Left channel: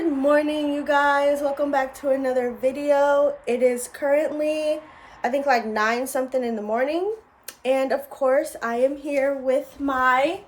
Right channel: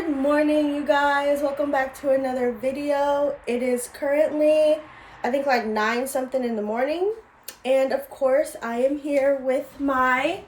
Good morning, you guys. Welcome back to another video. It is currently, I think, like 9 something in the morning. And of course, I am here with my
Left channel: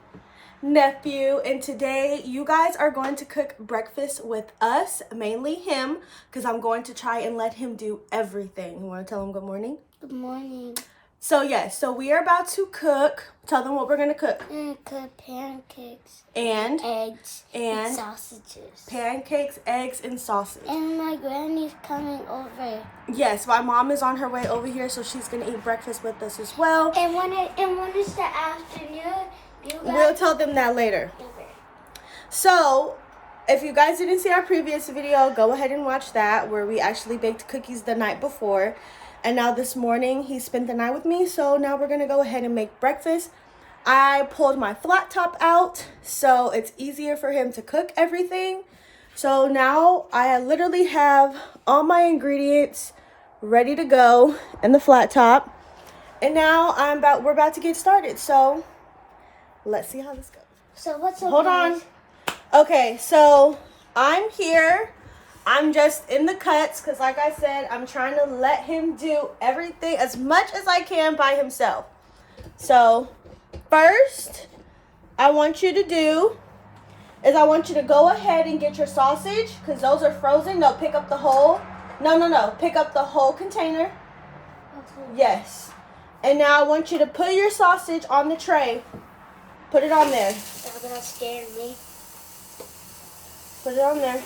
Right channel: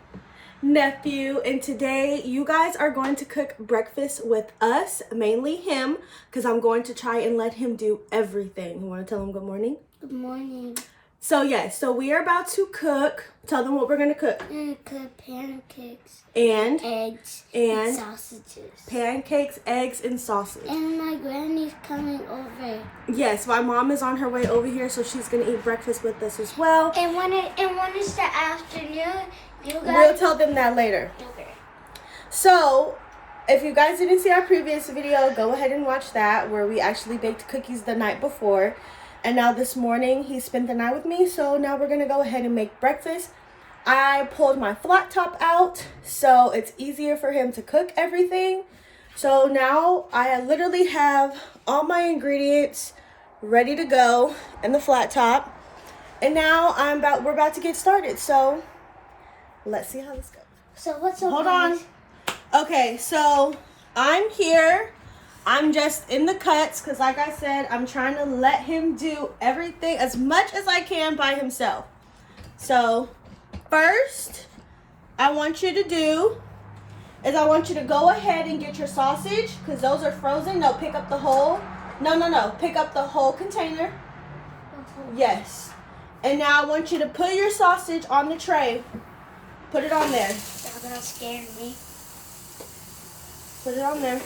nephew. And today, you guys are going to cook breakfast with us, mainly him, because I'm going to try and let him do everything. You want to tell him good morning? Good morning. So yes, so we are about to cook. Tell them what we're gonna cook. We're gonna cook pancakes and eggs and sausages. Pancakes, eggs, and sausage. And my granny's coming over. Yes, my mom is on her way over here, so she's gonna eat breakfast with us as well. And when it's the afternoon, you guys. We'll tell them that later. Okay. So, if you guys didn't see our previous video, go ahead and watch that, where we actually baked cookies the night before. And now this morning, he spent the night with me, so now we're gonna go ahead and make breakfast. I pulled my flat top out, so it's easier for him to cook everything. So now I literally have all my ingredients ready to go in the flat top. And now we're about to get started, so let's see how this goes. So what's up, Hold guys? on. Okay, so I'm here. I'm just in the cuts because, like I said, I'm trying to let him do everything as much as I can by himself. So first, I want you to go ahead and get your sausage because those are frozen. No, pick up the whole. No. Pick up the whole container. Yes. And now I want you to put your sausage on the tray. Put it on there. That scared me. Put it on there.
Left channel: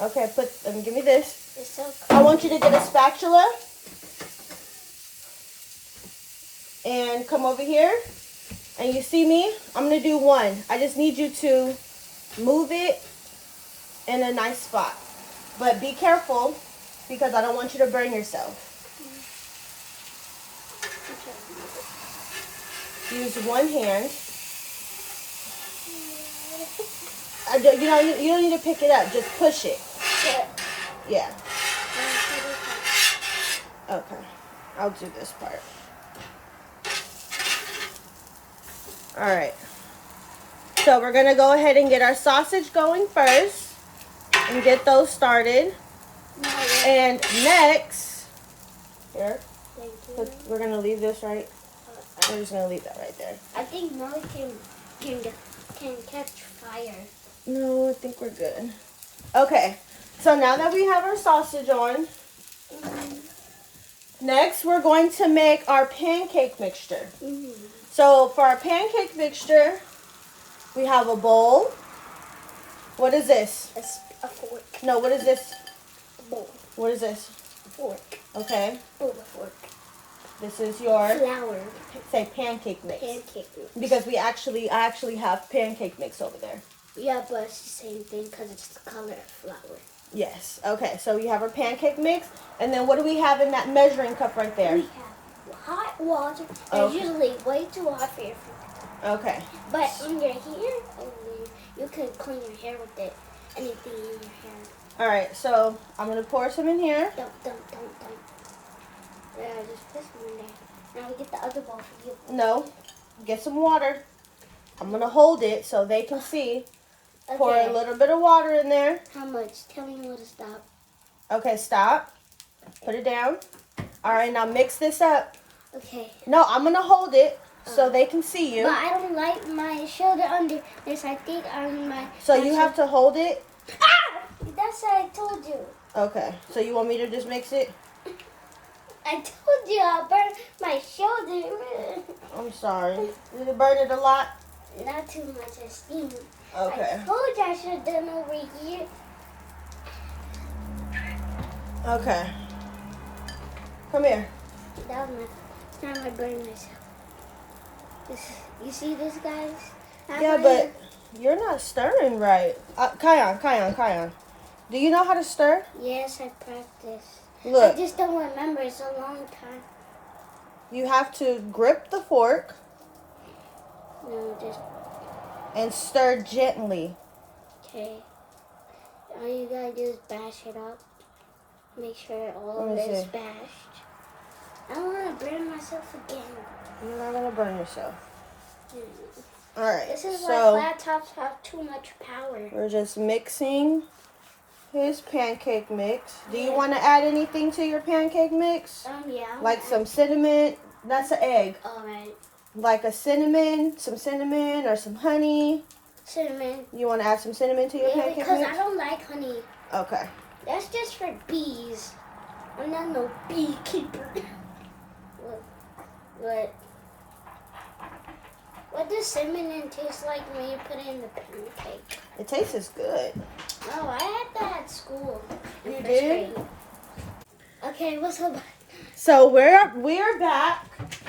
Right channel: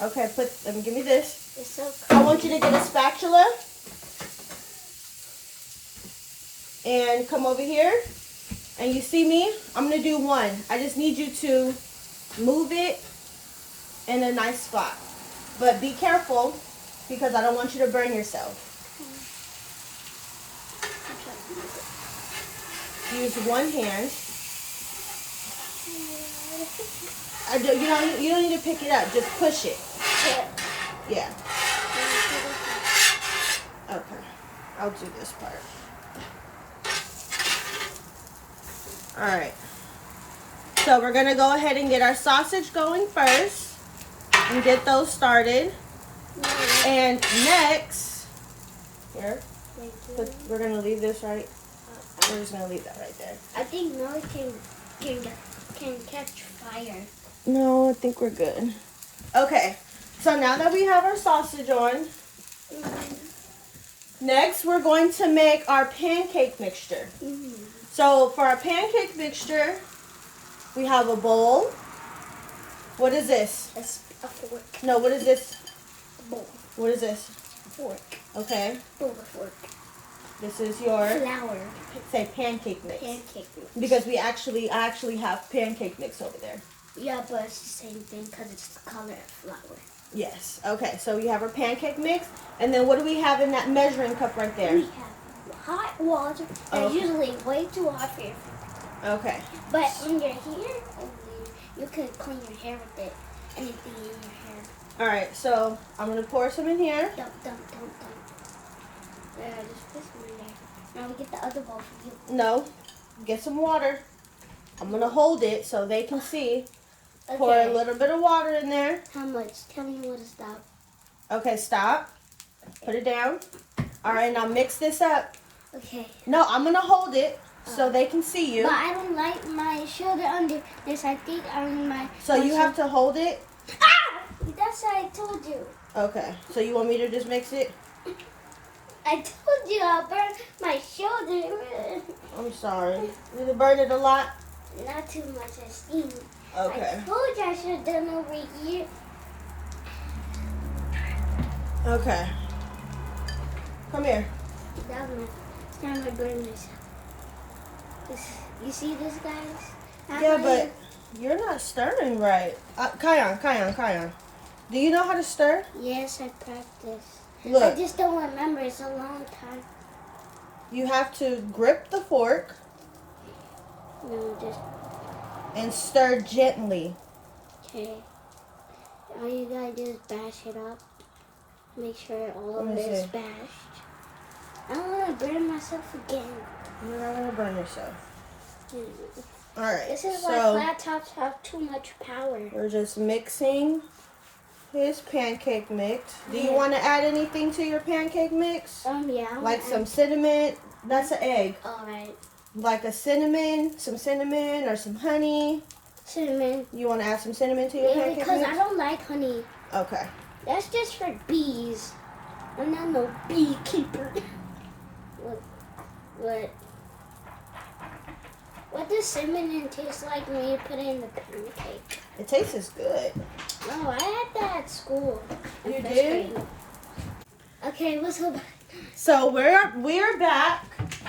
Okay, give me this. It's so I want you to get a spatula and come over here. And you see me? I'm gonna do one. I just need you to move it in a nice spot. But be careful because I don't want you to burn yourself. Use one hand. You don't need to pick it up. Just push it. Yeah. Okay. I'll do this part. Alright. So we're going to go ahead and get our sausage going first. And get those started. And next, here, we're going to leave this right. We're just going to leave that right there. I think noise can catch fire. No, I think we're good. Okay, so now that we have our sausage on, next we're going to make our pancake mixture. So for our pancake mixture, we have a bowl. What is this? A fork. No, what is this? A bowl. What is this? A fork. Okay. Oh, a fork. This is your Flour. Say pancake mix. Pancake mix. Because I actually have pancake mix over there. Yeah, but it's the same thing because it's the color of flour. Yes. Okay, so we have our pancake mix. And then what do we have in that measuring cup right there? We have hot water. It's usually way too hot for your food. Okay. But when you're here, you could clean your hair with it. Anything in your hair. All right, so I'm going to pour some in here. Don't. Yeah, just put some in there. Now we get the other bowl for you. No. Get some water. I'm going to hold it so they can see. Okay. Pour a little bit of water in there. How much? Tell me when to stop. Okay, stop. Put it down. All right, now mix this up. Okay. No, I'm going to hold it so they can see you. But I don't like my shoulder under this. I think I need my... So you have to hold it? Ah! That's what I told you. Okay, so you want me to just mix it? I told you I'll burn my shoulder. I'm sorry. Did you burn it a lot? Not too much. It's steamy. Okay. I told you I should have done over here. Okay. Come here. That was my goodness. You see this, guys? Yeah, but you're not stirring right. Kion. Do you know how to stir? Yes, I practiced. Look. I just don't remember. It's a long time. You have to grip the fork. No, just... And stir gently. Okay. All you gotta do is bash it up. Make sure all of Let me it's see. bashed. I don't want to burn myself again. You're not gonna burn yourself. All right. This is why laptops have too much power. We're just mixing his pancake mix. Do you want to add anything to your pancake mix? Yeah. Like some cinnamon. That's an egg. All right. Like some cinnamon or some honey. Cinnamon. You want to add some cinnamon to your pancake mix? Because I don't like honey. Okay. That's just for bees. I'm not no beekeeper. What does cinnamon taste like when you put it in the pancake? It tastes good. Oh, I had that at school. You did? Okay, what's up? So we're back.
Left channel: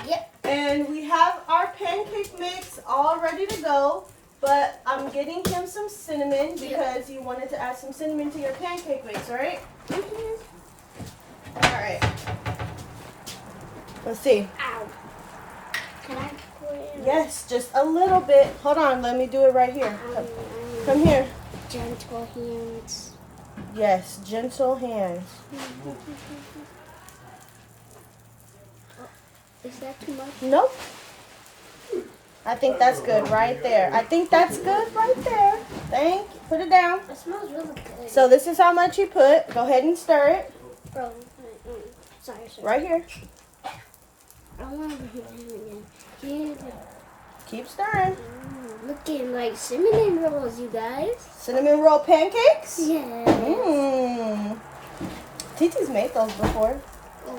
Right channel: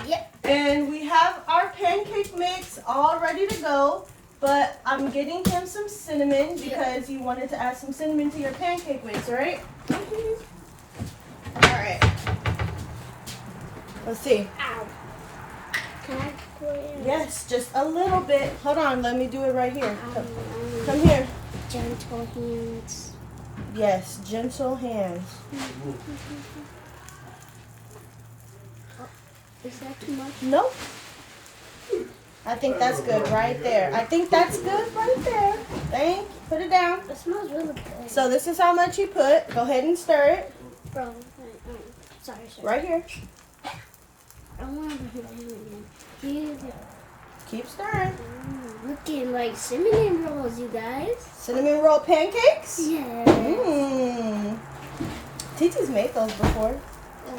Yep. And we have our pancake mix all ready to go. But I'm getting him some cinnamon because you wanted to add some cinnamon to your pancake mix, right? Mm-hmm. All right. Let's see. Ow. Can I pour it in? Yes, just a little bit. Hold on, let me do it right here. Come here. Gentle hands. Yes, gentle hands. Is that too much? Nope. I think that's good right there. I think that's good right there. Thank you. Put it down. It smells really good. So this is how much you put. Go ahead and stir it. Bro, sorry. Right here. I want to put it in. Keep stirring. Looking like cinnamon rolls, you guys. Cinnamon roll pancakes? Yeah. Titi's made those before.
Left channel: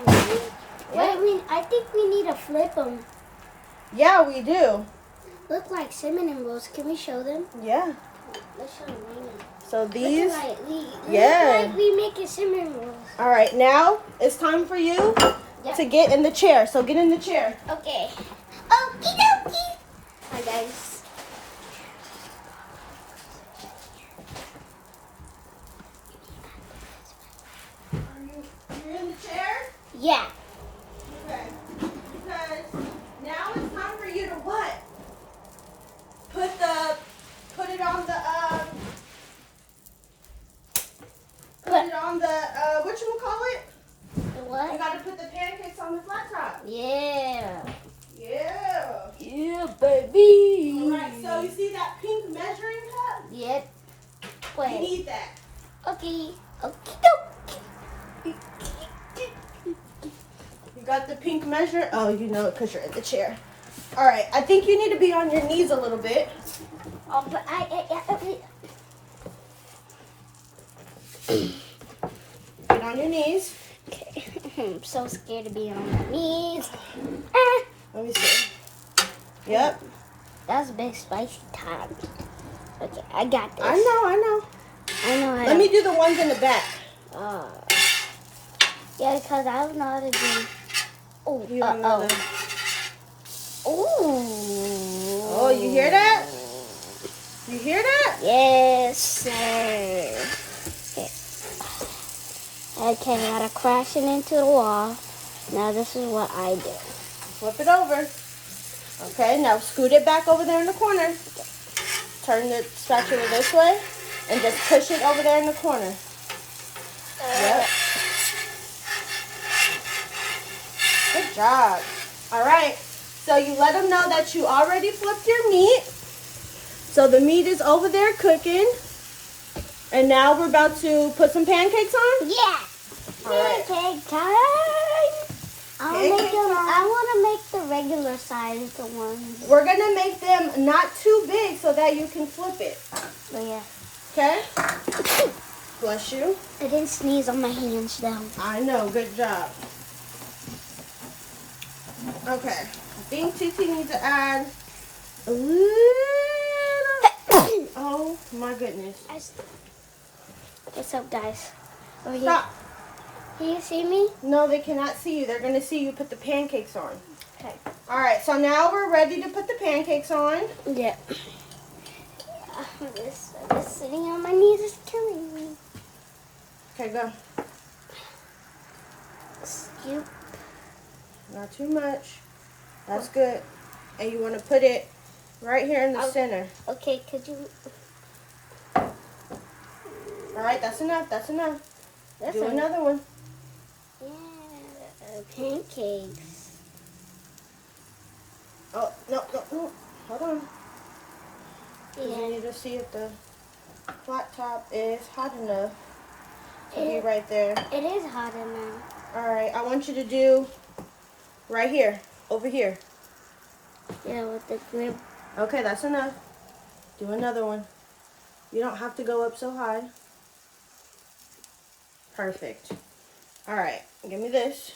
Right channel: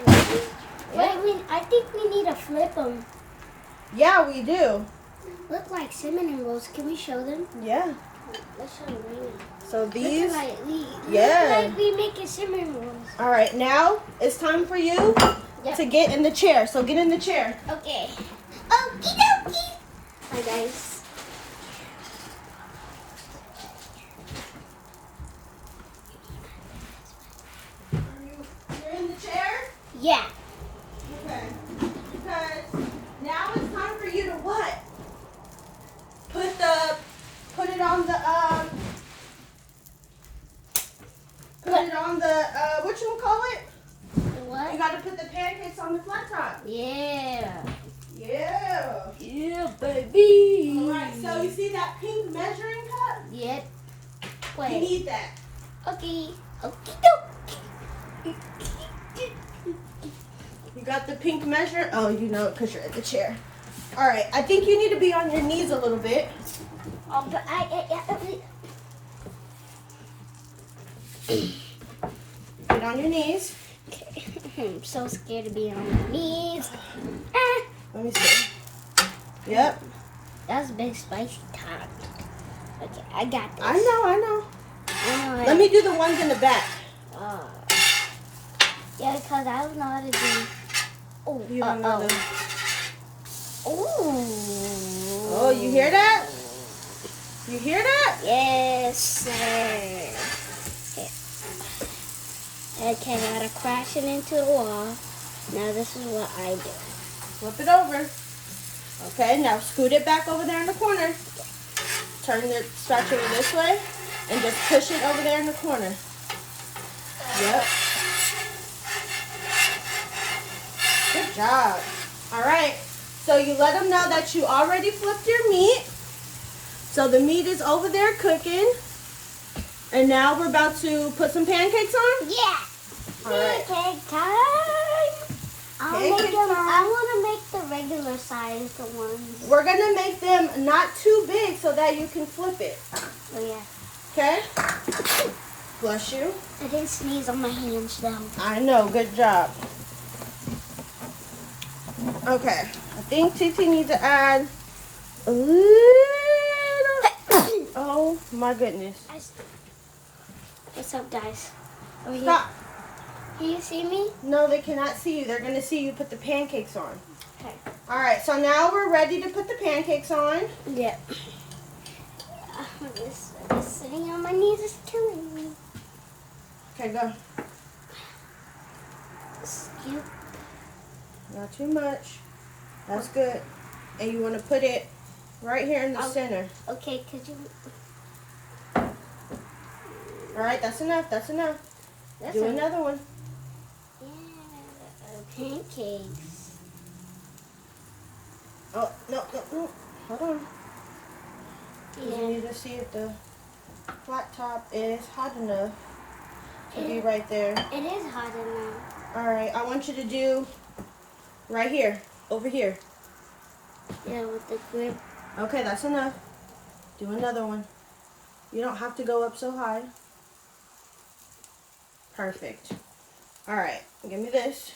Really? Yeah. Wait, I think we need to flip them. Yeah, we do. Look like cinnamon rolls. Can we show them? Yeah. Let's show them. So these. Look like Yeah. we making cinnamon rolls. All right, now it's time for you to get in the chair. So get in the chair. Okay. Okie dokie. Hi guys. You're in the chair? Yeah. Okay. Because now it's time for you to what? Put it on the what you call it? What? You gotta put the pancakes on the flat top. Yeah. Yeah. Yeah, baby. Alright, so you see that pink measuring cup? Yep. You Wait. need that. Okay. Okay. You got the pink measure? Oh, you know it because you're in the chair. Alright, I think you need to be on your knees a little bit. Oh, but Get on your knees. Okay. I'm so scared to be on my knees. Let me see. Yep. That's a big spicy time. Okay, I got this. I know. I know. Let me do the ones in the back. Yeah, because I don't know how to do. Oh, You don't know the- Oh, you hear that? You hear that? Yes, sir. Okay, I gotta crash it into the wall. Now this is what I do. Flip it over. Okay, now scoot it back over there in the corner. Turn the spatula this way and just push it over there in the corner. Yep. Good job. All right. So you let them know that you already flipped your meat. So the meat is over there cooking. And now we're about to put some pancakes on? Yeah. All right. Pancake time. Pancake time. I want to make the regular size the ones. We're going to make them not too big so that you can flip it. Oh, yeah. Okay? Bless you. I didn't sneeze on my hands, though. I know. Good job. Okay. I think Titi needs to add a little. Oh, my goodness. What's up, guys? Stop. Can you see me? No, they cannot see you. They're going to see you put the pancakes on. Okay. All right. So now we're ready to put the pancakes on. Yeah. This sitting on my knees is killing me. Okay, go. Scoop. Not too much. That's good. And you want to put it right here in the center. Okay, could you? All right, that's enough. That's enough. Do another one. Yeah. pancakes. Oh, no. Hold on. Yeah. You need to see if the flat top is hot enough to be right there. It is hot enough. Alright, I want you to do right here, over here. Yeah, with the grip. Okay, that's enough. Do another one. You don't have to go up so high. Perfect. Alright, give me this.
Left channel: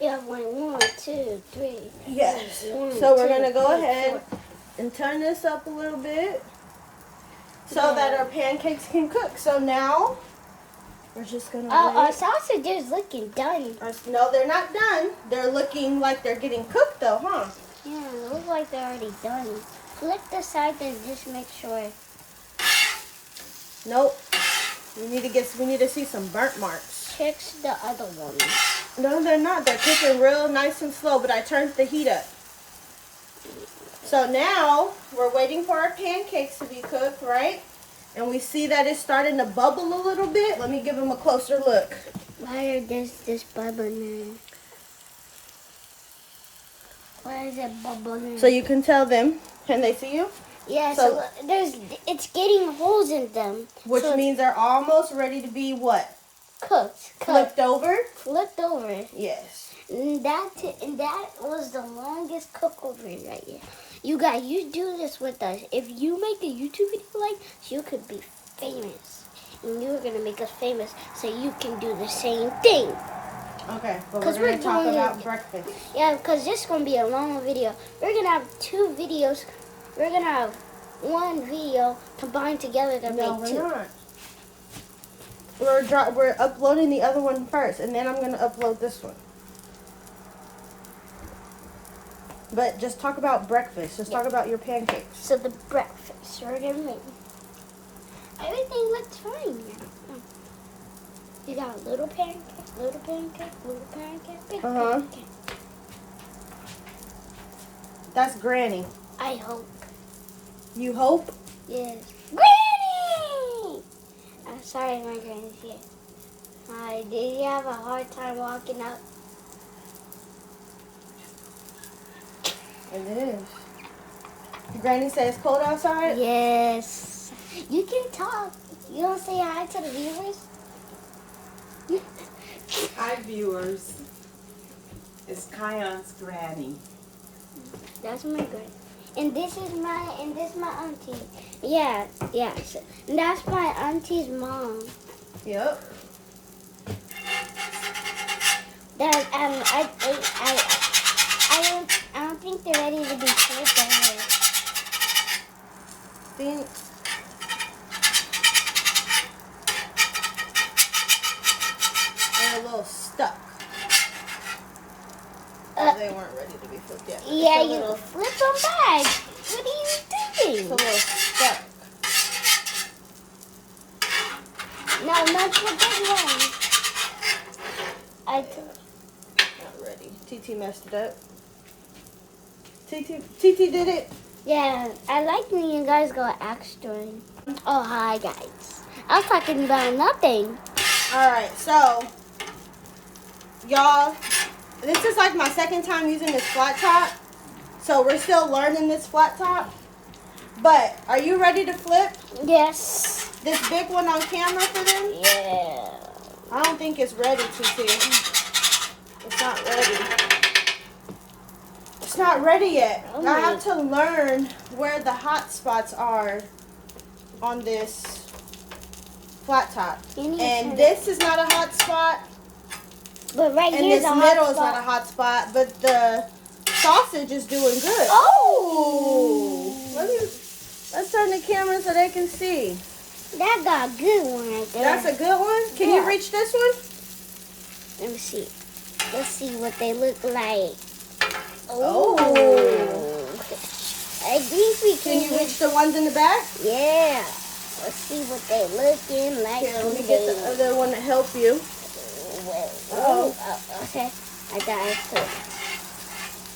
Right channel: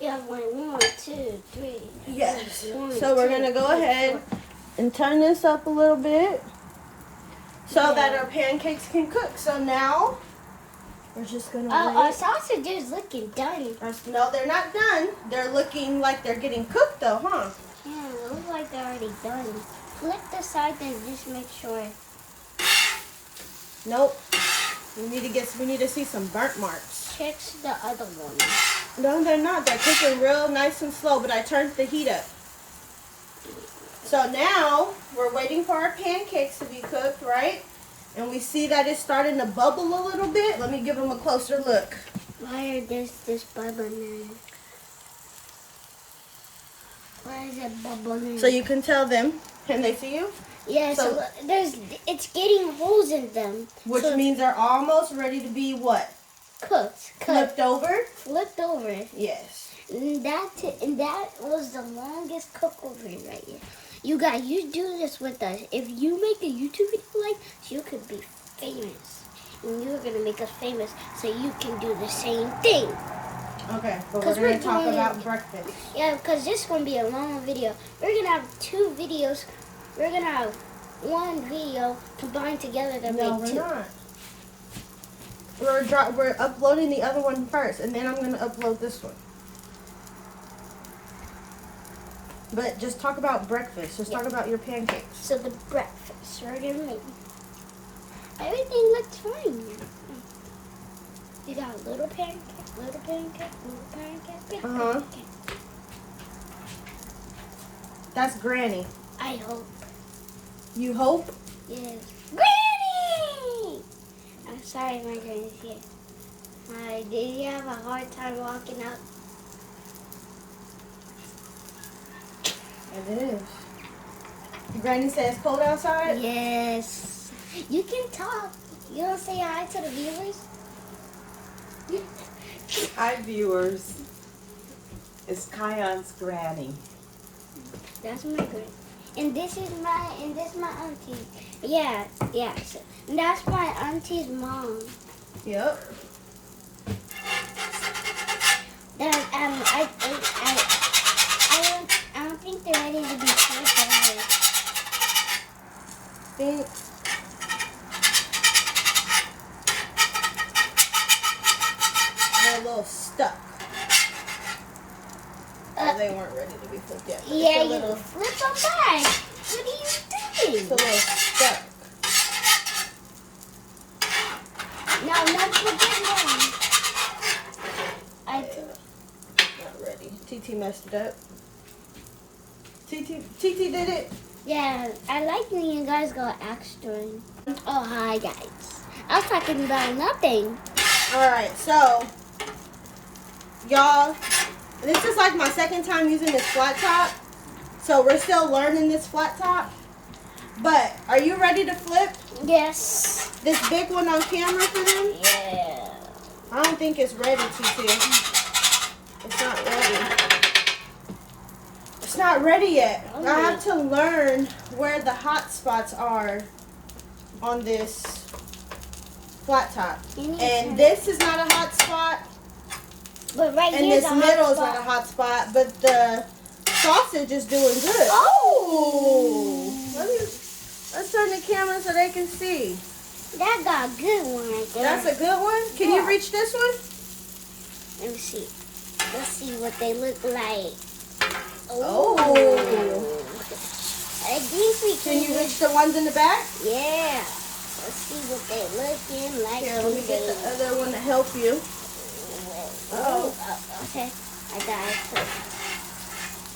Yeah, 1, 2, 3. Yes. 1, So we're 2, going to go 3, ahead 4. and turn this up a little bit so that our pancakes can cook. So now we're just going to Our sausage is looking done. No, they're not done. They're looking like they're getting cooked though, huh? Yeah, they look like they're already done. Flip the side and just make sure. Nope. We need to see some burnt marks. Check the other one. No, they're not. They're cooking real nice and slow, but I turned the heat up. So now we're waiting for our pancakes to be cooked, right? And we see that it's starting to bubble a little bit. Let me give them a closer look. Why are this bubbling? Why is it bubbling? So you can tell them. Can they see you? Yeah, so it's getting holes in them. Which so means they're almost ready to be what? Cooked. Flipped over? Flipped over. Yes. And that was the longest cook over right here. You guys, you do this with us. If you make a YouTube video like this, you could be famous. And you're going to make us famous so you can do the same thing. Okay, but we're going to talk about breakfast. Yeah, because this is going to be a long video. We're going to have 2 videos. We're going to have 1 video combined together to make 2. We're not. We're uploading the other one first, and then I'm going to upload this one. But just talk about breakfast. Just talk about your pancakes. So the breakfast, we're going to make. Everything looks fine. You got a little pancake, little pancake, little pancake, big pancake. That's Granny. I hope. You hope? Yes. Granny! I'm sorry, my granny's here. Hi, did you have a hard time walking up? It is. Granny says cold outside? Yes. You can talk. You don't say hi to the viewers? Hi viewers, it's Kyan's granny. That's my granny. And this is my auntie. Yeah. So that's my auntie's mom. Yep. That I don't think they're ready to be served to her. Think. They're a little stuck. They weren't ready to be flipped yet. Yeah, you flip them back. What are you doing? It's a little stuck. No, not flip that Not ready. TT messed it up. TT did it. Yeah, I like when you guys go extra. Oh, hi guys. I was talking about nothing. Alright, so y'all, this is like my second time using this flat top. So we're still learning this flat top. But are you ready to flip Yes. this big one on camera for them? Yeah. I don't think it's ready, TT. It's not ready. It's not ready yet. Oh, I have to learn where the hot spots are on this flat top. And this is not a hot spot. But right And here's this a hot middle is spot. not a hot spot. But the sausage is doing good. Oh! Let's turn the camera so they can see. That got a good one right there. That's a good one? Can you reach this one? Let me see. Let's see what they look like. Oh. I think we Can you reach the ones in the back? Yeah. Let's see what they looking like. Here, let me get the other one to help you. Oh. Okay. I got it.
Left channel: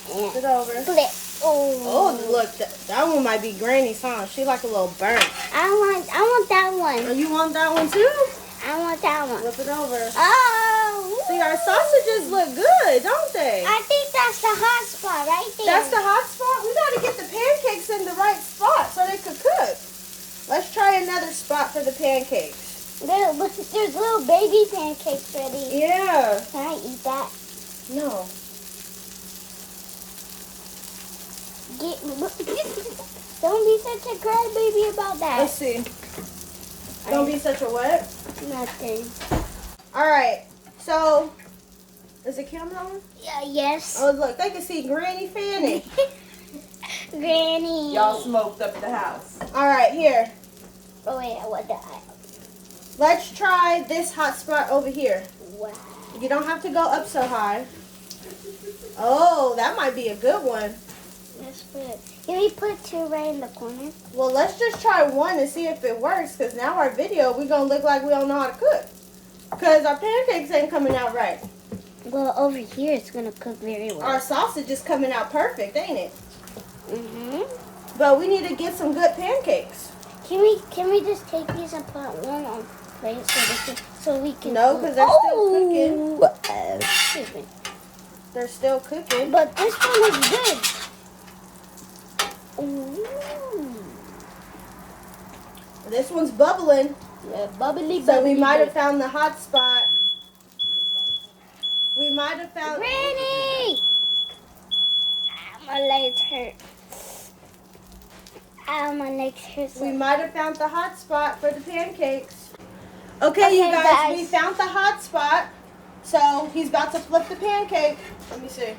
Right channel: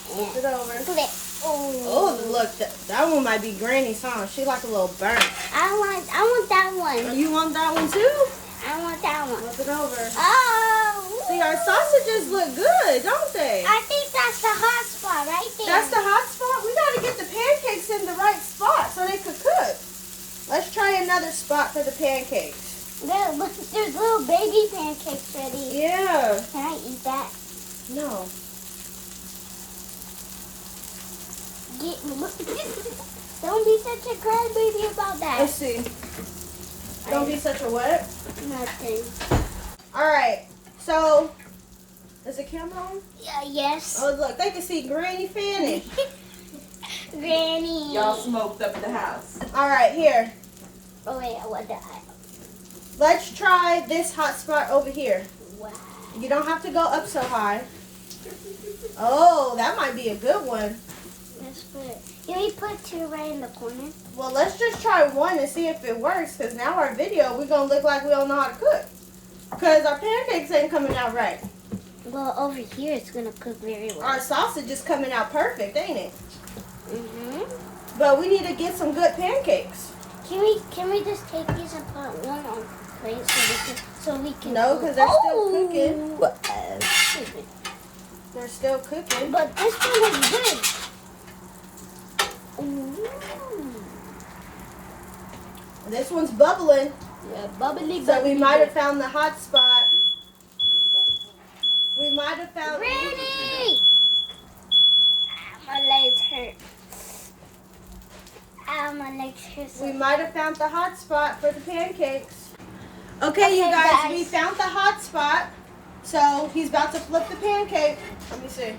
Flip it over. Flip. Oh, look, that one might be Granny's, huh? She like a little burnt. I want that one. Oh, you want that one too? I want that one. Flip it over. Oh. See, See, our sausages look good, don't they? I think that's the hot spot right there. That's the hot spot? We gotta get the pancakes in the right spot so they could cook. Let's try another spot for the pancakes. There's little baby pancakes ready. Yeah. Can I eat that? No. Don't be such a crybaby about that. Let's see. Don't be such a what? Nothing. Alright, so, is the camera on? Yeah, yes. Oh, look, they can see Granny Fanny. Granny. Y'all smoked up the house. Alright, here. Oh, yeah, what the Let's try this hot spot over here. Wow. You don't have to go up so high. Oh, that might be a good one. That's good. Can we put two right in the corner? Well, let's just try one and see if it works, because now our video, we're going to look like we don't know how to cook. Because our pancakes ain't coming out right. Well, over here it's going to cook very well. Our sausage is coming out perfect, ain't it? Mm-hmm. But we need to get some good pancakes. Can we just take these and put one on plate so we can No, because they're still cooking. Stupid. They're still cooking. But this one is good. Ooh. This one's bubbling. Yeah, bubbly, So we bubbly, might have bubbly. found the hot spot. We might have found... Granny! My legs hurt. Ow, my legs hurt. We might have found the hot spot for the pancakes. Okay, you guys, we found the hot spot. So he's about to flip the pancake. Let me see.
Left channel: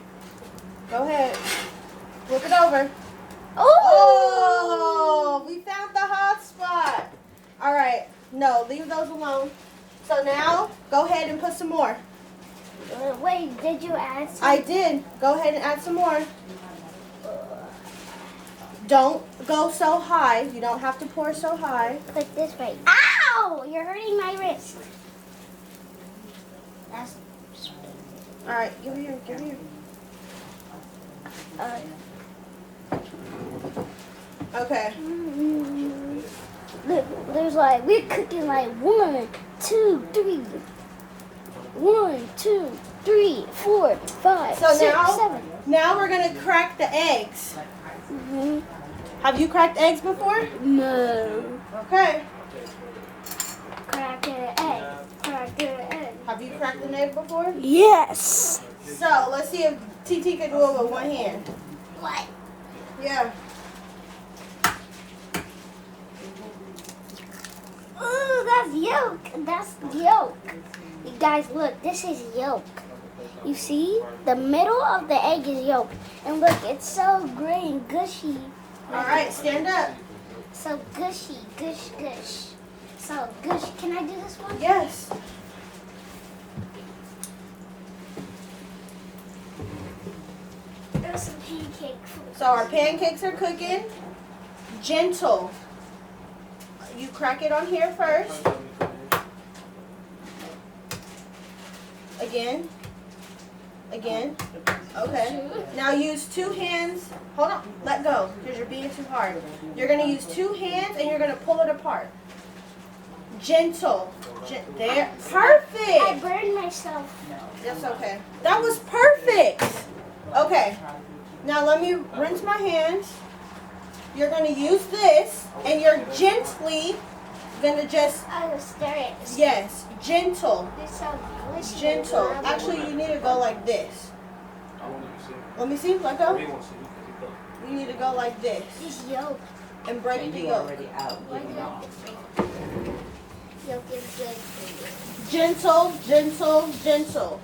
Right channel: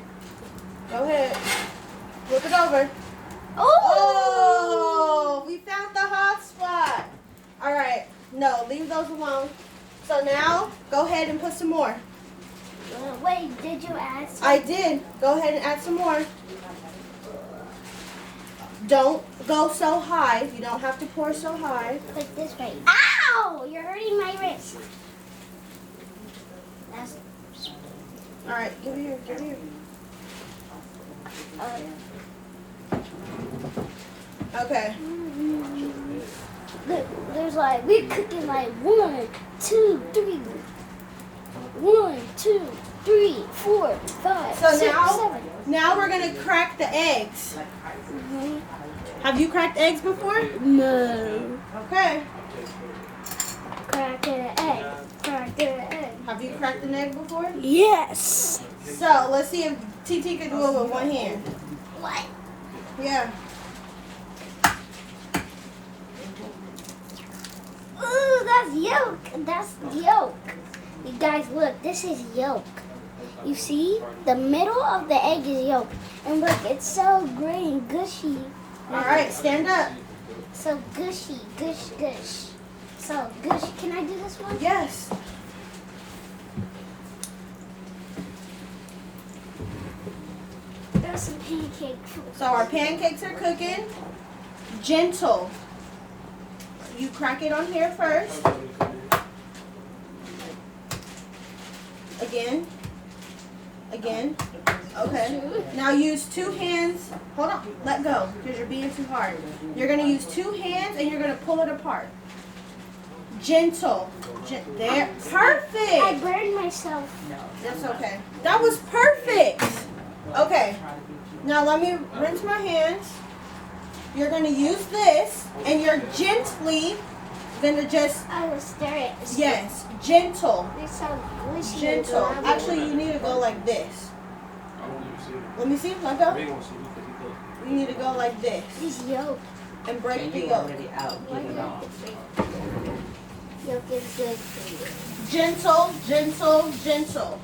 Go ahead. Flip it over. Oh, we found the hot spot. All right. No, leave those alone. So now, go ahead and put some more. Wait, did you add some? I did. Go ahead and add some more. Don't go so high. You don't have to pour so high. Put this right. Ow! You're hurting my wrist. That's... All right, give me here. Give me here. Okay. There's like, we're cooking like 1, 2, 3. 1, 2, 3, 4, 5, So 6, now, 7. now we're gonna crack the eggs. Mhm. Have you cracked eggs before? No. Okay. Crack an egg. Crack an egg. Have you cracked an egg before? Yes. So let's see if TT can do it with one hand. What? Yeah. Ooh, that's yolk. That's yolk. You guys, look. This is yolk. You see? The middle of the egg is yolk. And look, it's so gray and gushy. All right, stand up. So gushy. Gush, gush. So gushy. Can I do this one? Yes. There's some pancake food. So our pancakes are cooking. Gentle. You crack it on here first. Again. Again. Okay. Now use 2 hands. Hold on. Let go because you're being too hard. You're going to use 2 hands and you're going to pull it apart. Gentle. There. Perfect. I burned myself. That's okay. That was perfect. Okay. Now let me rinse my hands. You're going to use this and you're gently going to just... I will stir it. Yes. Gentle. It's so gushy. Gentle. Actually, you need to go like this. Let me see. Let go. You need to go like this This yolk. and break And the you yolk. already out. Get it off. Yolk is good. Gentle, gentle, gentle.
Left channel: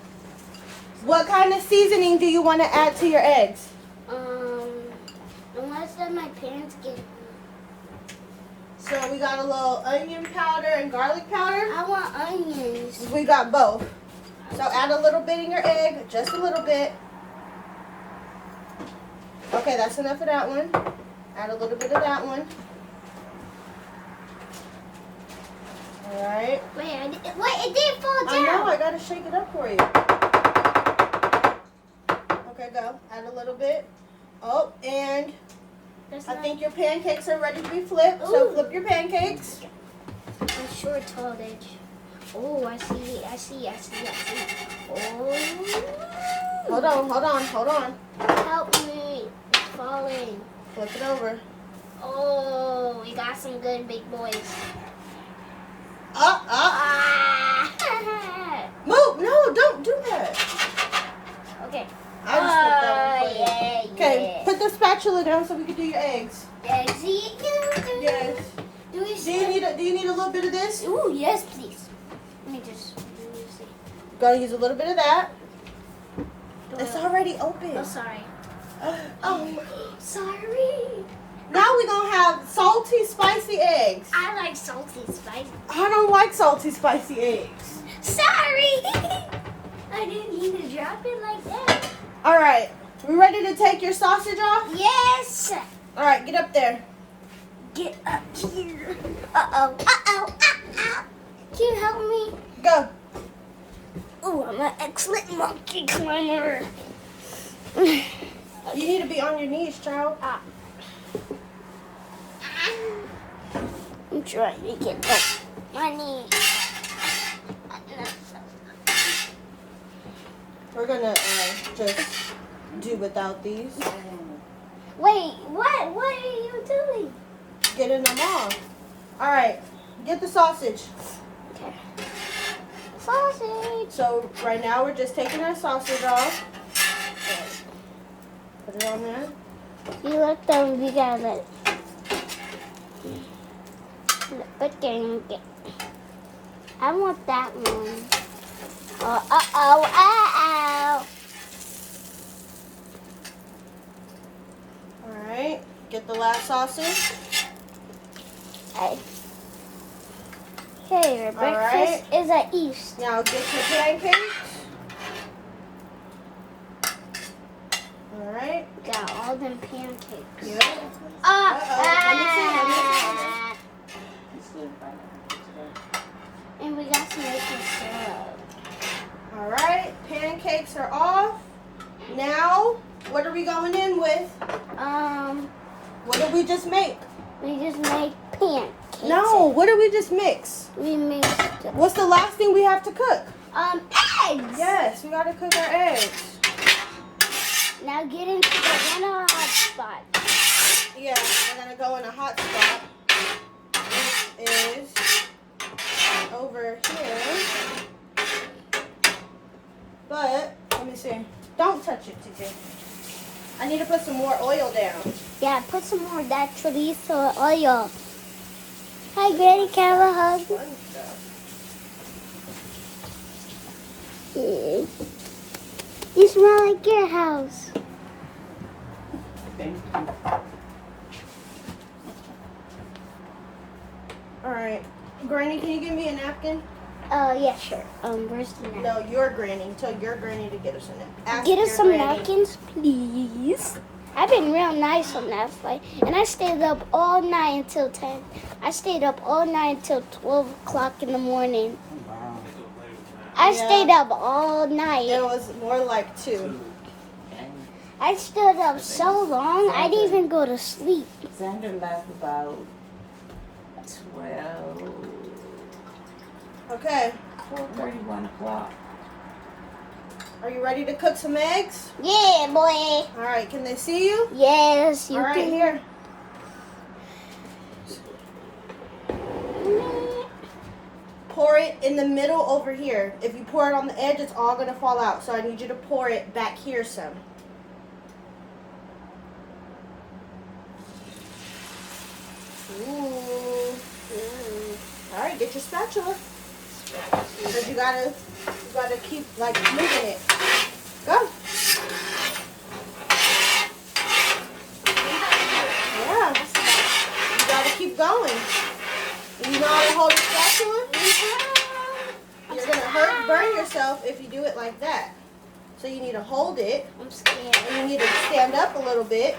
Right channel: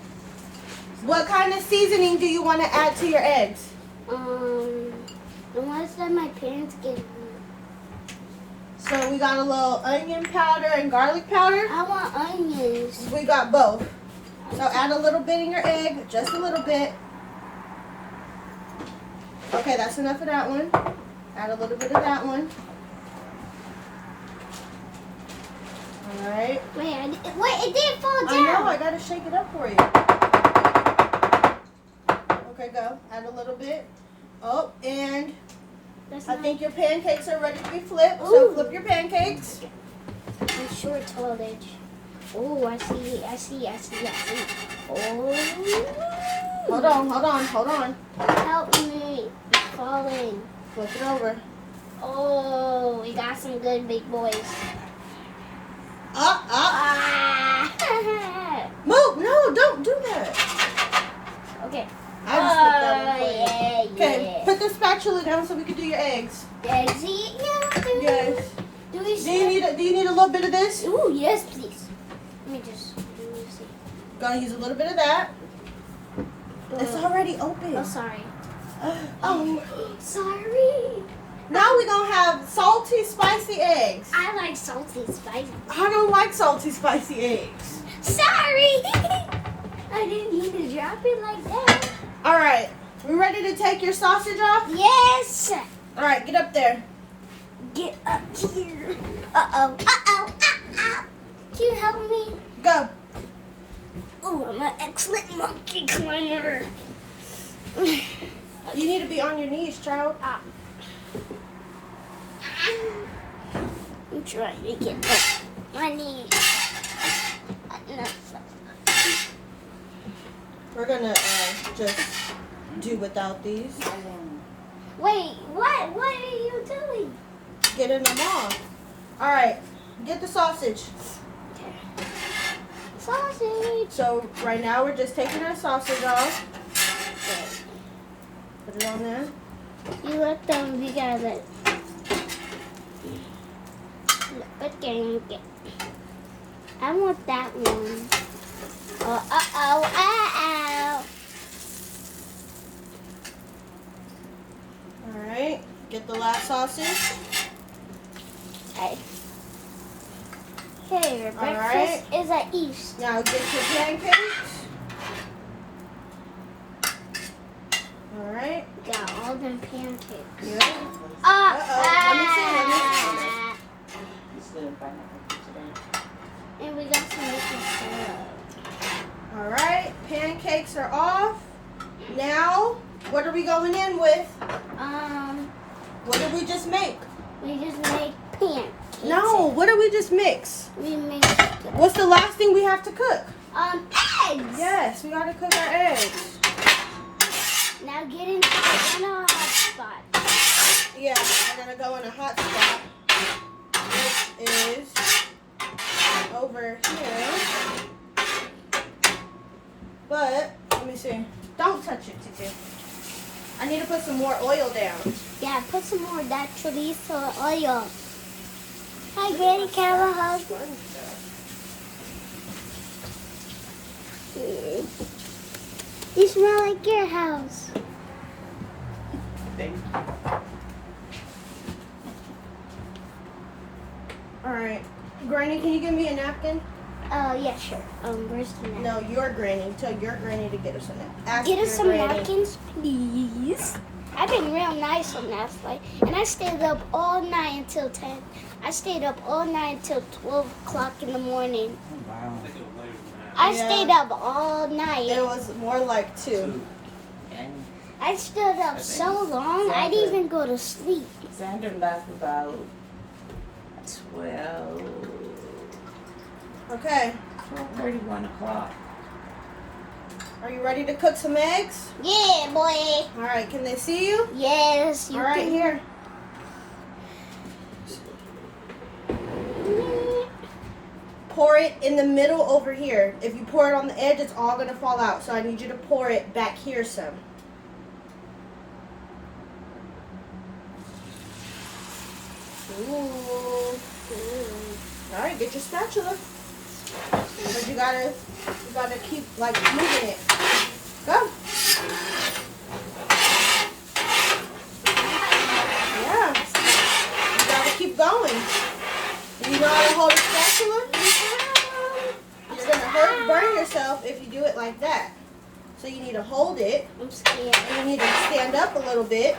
What kind of seasoning do you want to add to your eggs? The ones that my parents gave me. So we got a little onion powder and garlic powder. I want onions. We got both. So add a little bit in your egg, just a little bit. Okay, that's enough of that one. Add a little bit of that one. All right. Wait, it didn't fall down. I know, I gotta shake it up for you. Okay, go. Add a little bit. Oh, and That's I not- think your pancakes are ready to be flipped. So Ooh. flip your pancakes. I'm short tallage. Oh, I see. Oh. Hold on. Help me. It's falling. Flip it over. Oh, we got some good big boys. Up. Ah. Move. No, don't do that. Okay. I just put that on for you. Yeah, Okay, yeah. put the spatula down so we can do your eggs. Eggsy? Yes. Do we Do you need a little bit of this? Ooh, yes, please. Let me just see. Gonna use a little bit of that. It's already open. Oh, sorry. Oh. Sorry. Now we're gonna have salty, spicy eggs. I like salty spicy. I don't like salty, spicy eggs. Sorry. I didn't mean to drop it like that. All right, you ready to take your sausage off? Yes. All right, get up there. Get up here. Uh-oh. Can you help me? Go. Oh, I'm an excellent monkey climber. You need to be on your knees, child. I'm trying to get up my knees. We're gonna just do without these. Wait, what? What are you doing? Getting them off. All right, get the sausage. Okay. Sausage. So right now we're just taking our sausage off. Put it on there. You look them, we got it. Okay. I want that one. Oh. All right, get the last sausage. Okay. Okay, your breakfast is at East. Now get your pancakes. All right. Got all them pancakes. Yeah. Let me see. And we got some different salad. All right, pancakes are off. Now, what are we going in with? What did we just make? We just made pancakes. No, what did we just mix? We mixed it. What's the last thing we have to cook? Eggs. Yes, we gotta cook our eggs. Now get into a hot spot. Yeah, we're gonna go in a hot spot. This is over here. But, let me see. Don't touch it, TK. I need to put some more oil down. Yeah, put some more of that chorizo oil. Hi, Granny, can I have a hug? You smell like your house. Thank you. Alright. Granny, can you give me a napkin? Yeah, sure. Where's the napkin? No, your granny. Tell your granny to get us some napkins. Get us some napkins, please. I've been real nice on that flight. And I stayed up all night until 10. I stayed up all night until 12 o'clock in the morning. Wow. I stayed up all night. It was more like 2. I stood up so long, I didn't even go to sleep. Xander left about 12. Okay. 12:30, 1 o'clock. Are you ready to cook some eggs? Yeah, boy. Alright, can they see you? Yes, you Alright, can. here. Pour it in the middle over here. If you pour it on the edge, it's all going to fall out. So I need you to pour it back here some. Ooh. Alright, get your spatula. But you gotta keep like moving it. Go. Yeah. You gotta keep going. You know how to hold a spatula? You're gonna burn yourself if you do it like that. So you need to hold it. I'm scared. You need to stand up a little bit.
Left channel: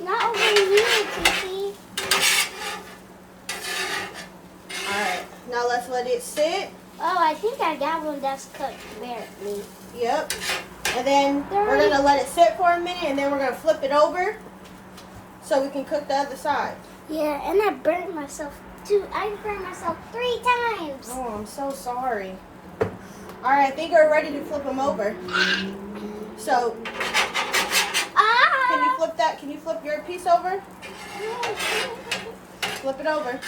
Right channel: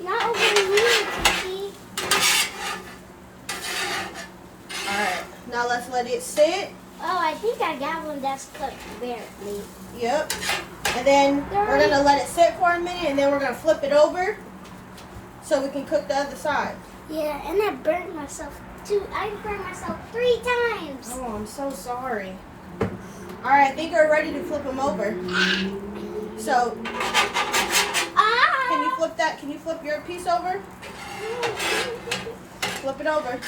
Not over here, Kiki. Alright. Now let's let it sit. Oh, I think I got one that's cooked barely. Yep. And then we're gonna let it sit for a minute and then we're gonna flip it over so we can cook the other side. Yeah, and I burnt myself burned myself 3 times. Oh, I'm so sorry. All right, I think we're ready to flip them over. So, can you flip that? Can you flip your piece over? Flip it over.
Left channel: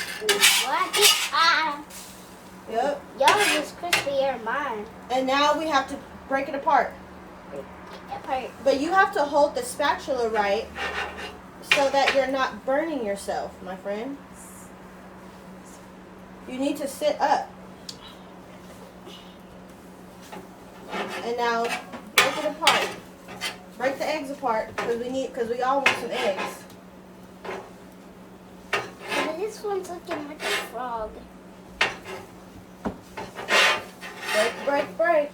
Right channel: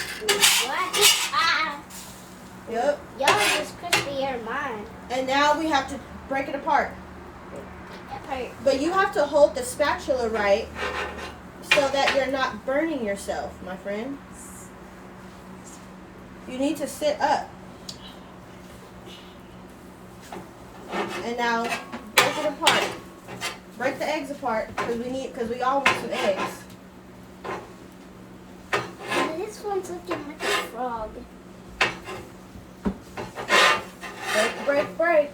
Yep. Yours is crispier than mine. And now we have to break it apart. But you have to hold the spatula right so that you're not burning yourself, my friend. You need to sit up. And now break it apart. Break the eggs apart because we all want some eggs. This one's looking like a frog. Break, break.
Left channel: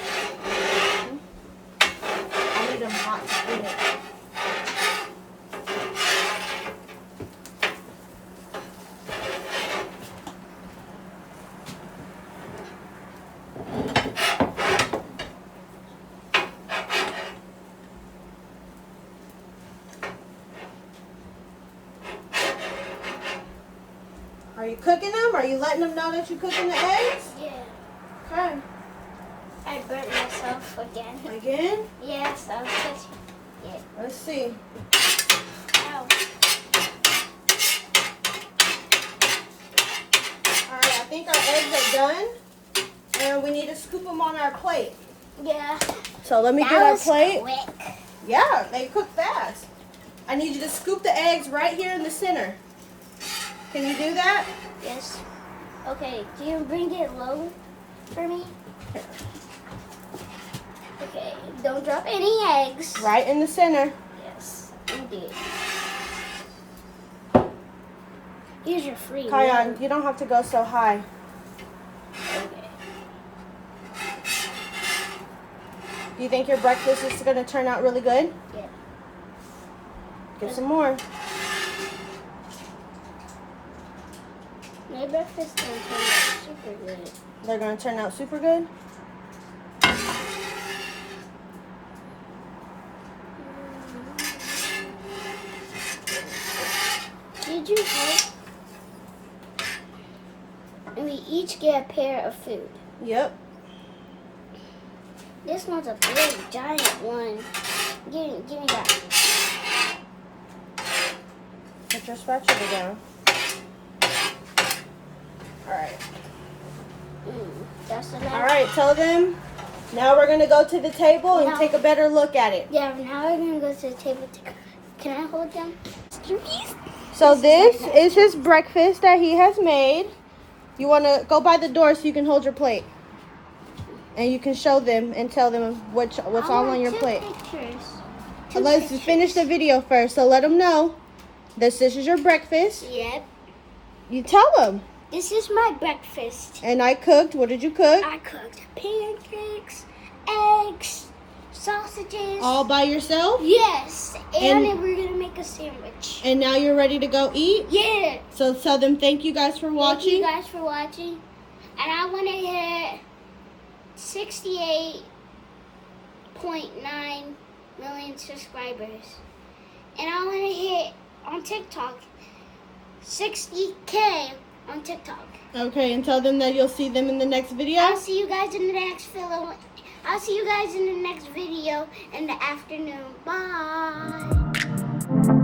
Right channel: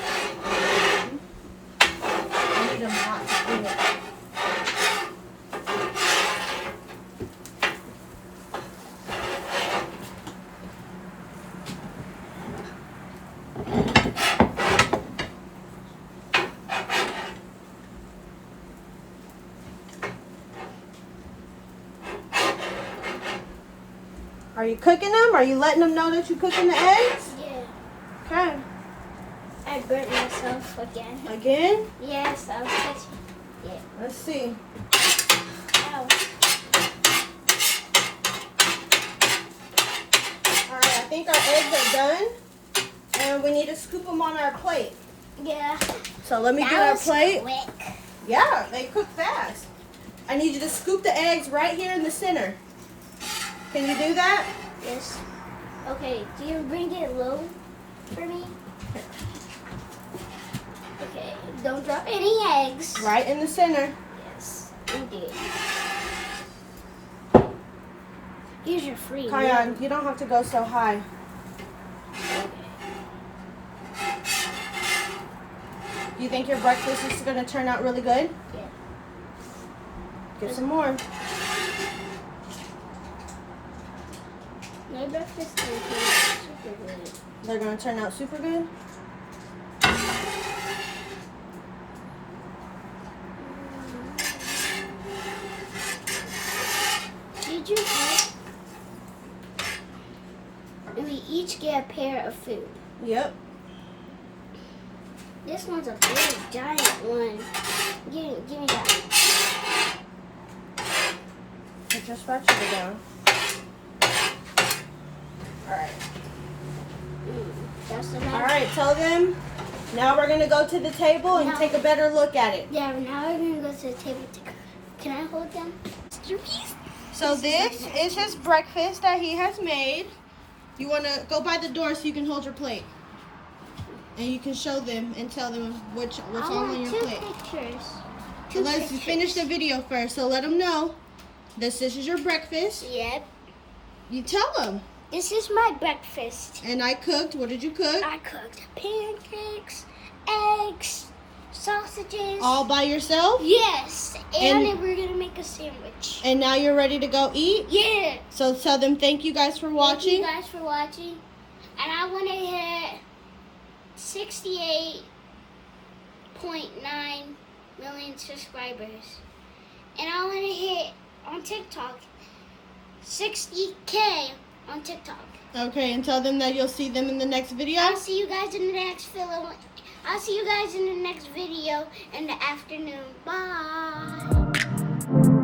I need them hot to spin it. Are you cooking them? Are you letting them know that you're cooking the eggs? Yeah. Okay. I burnt myself again. Again? Yes, I was touching. Yeah. Let's see. Ow. Alright, I think our eggs are done. And we need to scoop them on our plate. Yeah. So let me That get our was plate. quick. Yeah, they cook fast. I need you to scoop the eggs right here in the center. Can you do that? Yes. Okay, can you bring it low for me? Okay, don't drop any eggs. Right in the center. Yes, indeed. Here's your free Kion, meal. you don't have to go so high. Okay. You think your breakfast is going to turn out really good? Yeah. Get some more. My breakfast is going to turn out super good. They're going to turn out super good? Did you know? We each get a pair of food. Yep. This one's a big, giant one. Give me that. Put your spatula down. Alright. That's the next. Alright, tell them. Now we're going to go to the table and No. take a better look at it. Yeah, now we're going to go to the table. Can I hold them? So this is his breakfast that he has made. You want to go by the door so you can hold your plate. And you can show them and tell them what's all on your plate. Pictures. So let's finish the video first. So let them know this is your breakfast. Yep. You tell them. This is my breakfast. And I cooked. What did you cook? I cooked pancakes, eggs, sausages. All by yourself? Yes. And And- we're going to make a sandwich. And now you're ready to go eat? Yeah. So tell them thank you guys for watching. Thank you guys for watching. And I want to hit 68.9 million subscribers. And I want to hit on TikTok 60K on TikTok. Okay, and tell them that you'll see them in the next video. I'll see you guys in the next video. I'll see you guys in the next video in the afternoon. Bye.